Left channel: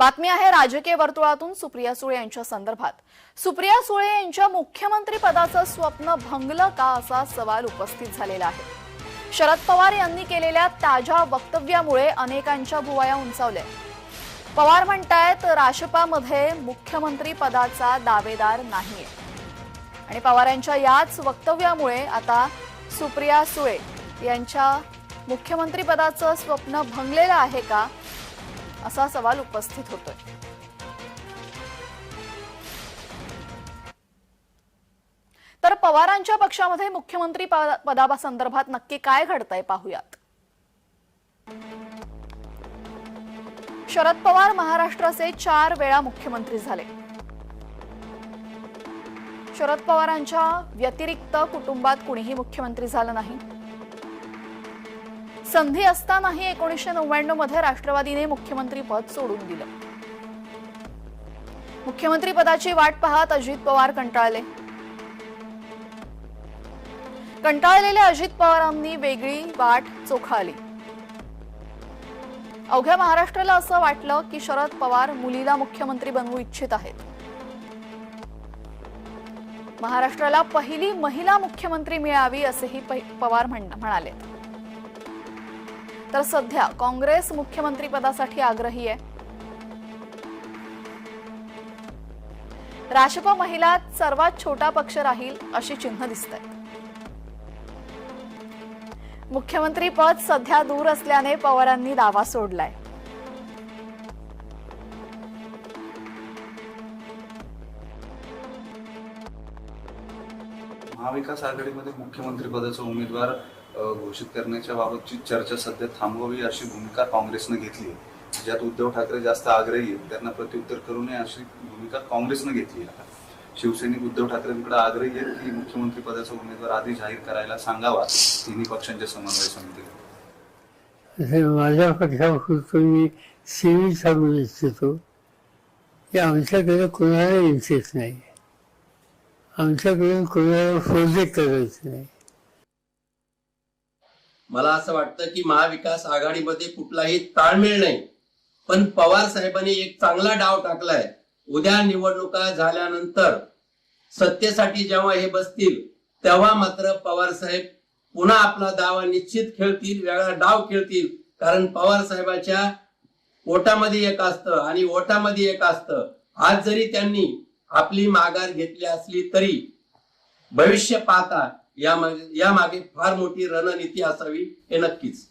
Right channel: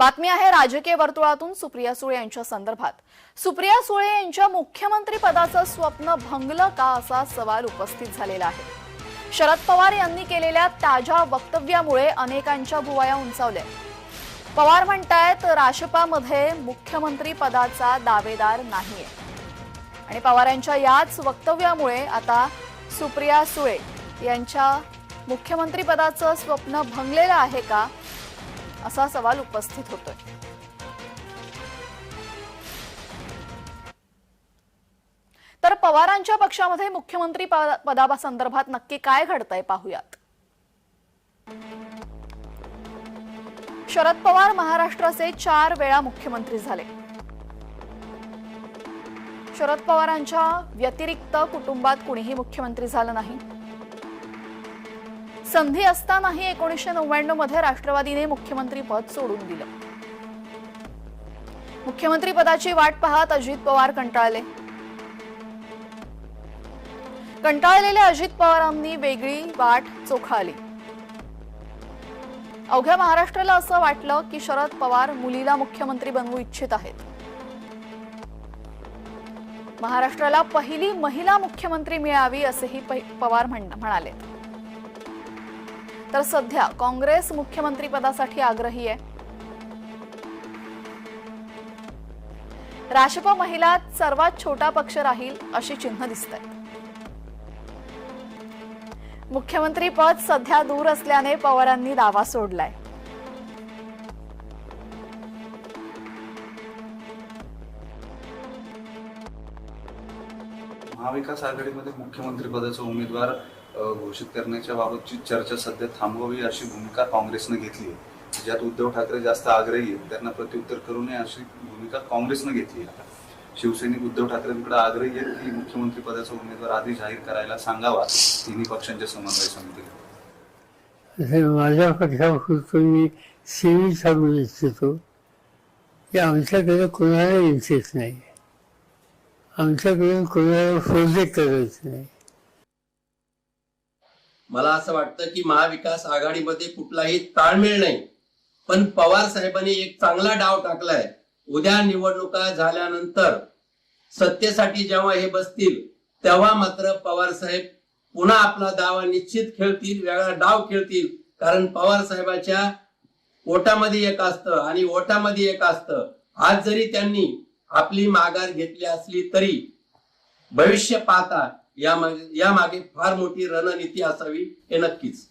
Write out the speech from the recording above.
बातमी आहे राजकीय वर्तुळातून सुप्रिया सुळे यांच्या संदर्भात. सुप्रिया सुळे यांच्या मुख्यमंत्री पदाचं स्वप्न भंगलं का असा सवाल उपस्थित झालेला आहे. शरद पवार यांनी केलेल्या ताज्या वक्तव्यामुळे अनेकांच्या भुवया उंचावल्या. पवार म्हणतायत राशपामध्ये मुख्यमंत्री पदाचा दावेदार नाहीये. आणि पवार यांच्या याच वक्तव्यामुळे आता सुप्रिया सुळे यांच्या मुख्यमंत्री पदाचं स्वप्न भंगलेलं आहे का असा सवाल उपस्थित होतोय. तर पवारांच्या पक्षामध्ये मुख्यमंत्री पदासंदर्भात नक्की काय घडतंय पाहूयात. शरद पवार महाराष्ट्राचे चार वेळा मुख्यमंत्री झाले. शरद पवारांच्या व्यतिरिक्त कुटुंबात कुणीही मुख्यमंत्री झालं नाही. संधी असतानाही एकोणीसशे नव्याण्णवमध्ये राष्ट्रवादीने मुख्यमंत्री पद सोडून दिलं. मुख्यमंत्री पदाची वाट पाहत अजित पवार कंटाळले. कंटाळलेल्या अजित पवारांनी वेगळी वाट चोखाळली अवघ्या महाराष्ट्राला असं वाटलं की शरद पवार मुलीला मुख्यमंत्री बनवू इच्छित आहेत. महाराष्ट्राला पहिली महिला मुख्यमंत्री मिळावी असेही पवार म्हणाले तर सध्या काँग्रेस मुख्यमंत्रीपदासाठी आग्रही आहे. राष्ट्रपा महिला सर्वात छोटा पक्ष राहील अशी चिन्ह दिसत आहेत मुख्यमंत्री पद सध्या दूर असल्याने पवारांनी दावा सोडलाय. महाविकास आघाडीमध्ये मुख्यमंत्री पदाचा उमेदवार घोषित करण्याच्या बाबतची चर्चा सध्या थांबवावी अशी भूमिका काँग्रेसनं घेतली आहे. ज्यात उद्धव ठाकरे जास्त आग्रही आहेत त्यांना प्रत्युत्तर करू नये अशी भूमिका काँग्रेसनं घेतली आहे शिवसैनिक उद्धव ठाकरेंकडे आग्रही आहेत की मुख्यमंत्री पदाचा उमेदवार आधी जाहीर करायला सांगावा तिन्ही पक्षांच्या समन्वय समितीला. हे माझ्या पक्षापुरतं मी सिव्हिल सांगू इच्छितो की आमच्याकडे कोणाला इंटरेस्ट नाही. आमच्याकडून कोणाला प्रोजेक्ट करायचं नाही. मला असं वाटतं की महाविकास आघाडीमध्ये कुठलाही ताळमेळ नाही. पण पवार साहेबांनी एक चांगला डाव टाकलाय. उद्या निवडणुका झाल्यानंतर सत्तेसाठी जेव्हा हे बसतील तेव्हा मात्र पवार साहेब पुन्हा आपला दावा निश्चित खेळतील वेगळा डाव खेळतील. कारण पवार साहेबाच्या ओटामध्ये एक असतं आणि ओटामध्ये एक असतं. आज जरी त्यांनी आपली माघार घेतली असली तरी भविष्य पाहता या मागे फार मोठी रणनीती असावी हे नक्कीच.